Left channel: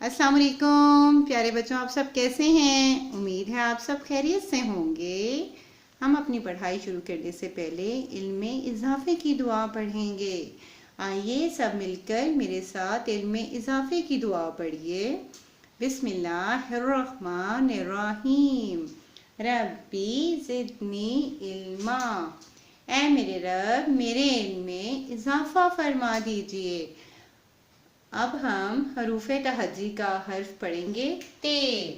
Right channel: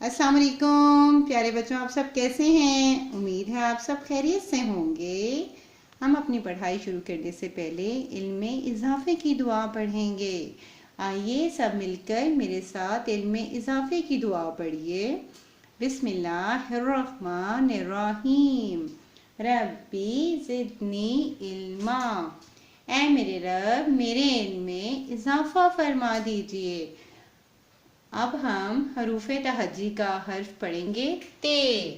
अस्सलाम वालेकुम प्यारे बच्चों, आप सब कैसे हैं। उम्मीद है आप सब खैरियत से होंगे। हम अपनी पढ़ाई शुरू करने से पहले इल्म में इजाफे की दुआ पढ़ेंगे। आइए सब मिलकर मेरे साथ इल्म में इजाफे की दुआ पढ़िए। बिस्मिल्लाहिर्रहमानिर्रहीम। रब्बी ज़िदनी इल्मा। ऐ मेरे रब, मेरे इल्म में इजाफा फरमा दीजिए। अब हम हरूफ तहज्जी का हर्फ पढ़ेंगे। ते।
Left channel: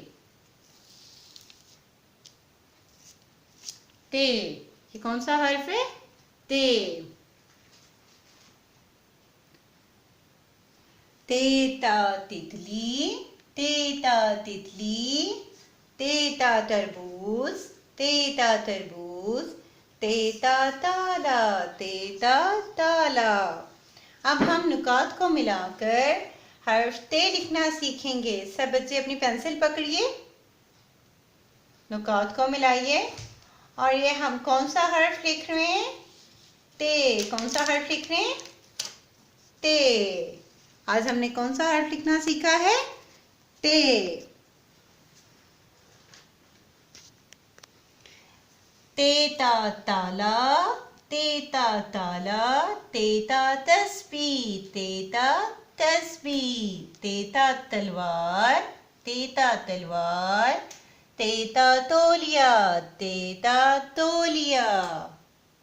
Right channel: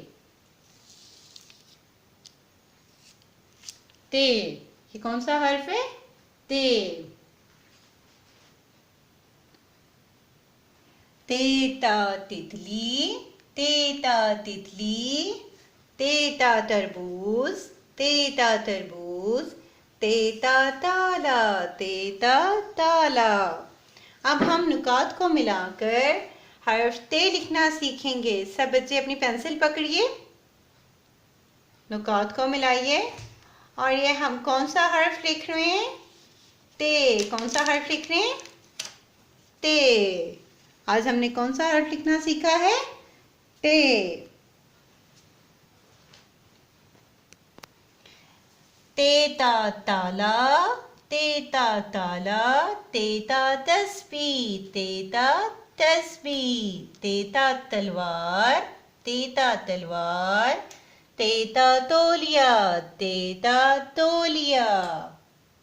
ते, ये कौन सा हर्फ है? ते। तेता तितली, तेता तितली, तेता तरबूज, तेता तरबूज, तेता ताला, तेता ताला। अब हम नुकात को मिलाकर हर्फ ते लिखना सीखेंगे। सब बच्चे अपनी पेंसिल पकड़िए, नुकात को मिलाइए और ये हम कौन सा हर्फ लिख रहे हैं? ते। कौन सा हर्फ लिख रहे हैं? ते। आज हमने कौन सा हर्फ लिखना सीखा है? ते। तेता ताला, तेता ताला, तेता तस्बीह, तेता तस्बीह, तेता तलवार, तेता तलवार, तेता तौलिया, तेता तौलिया।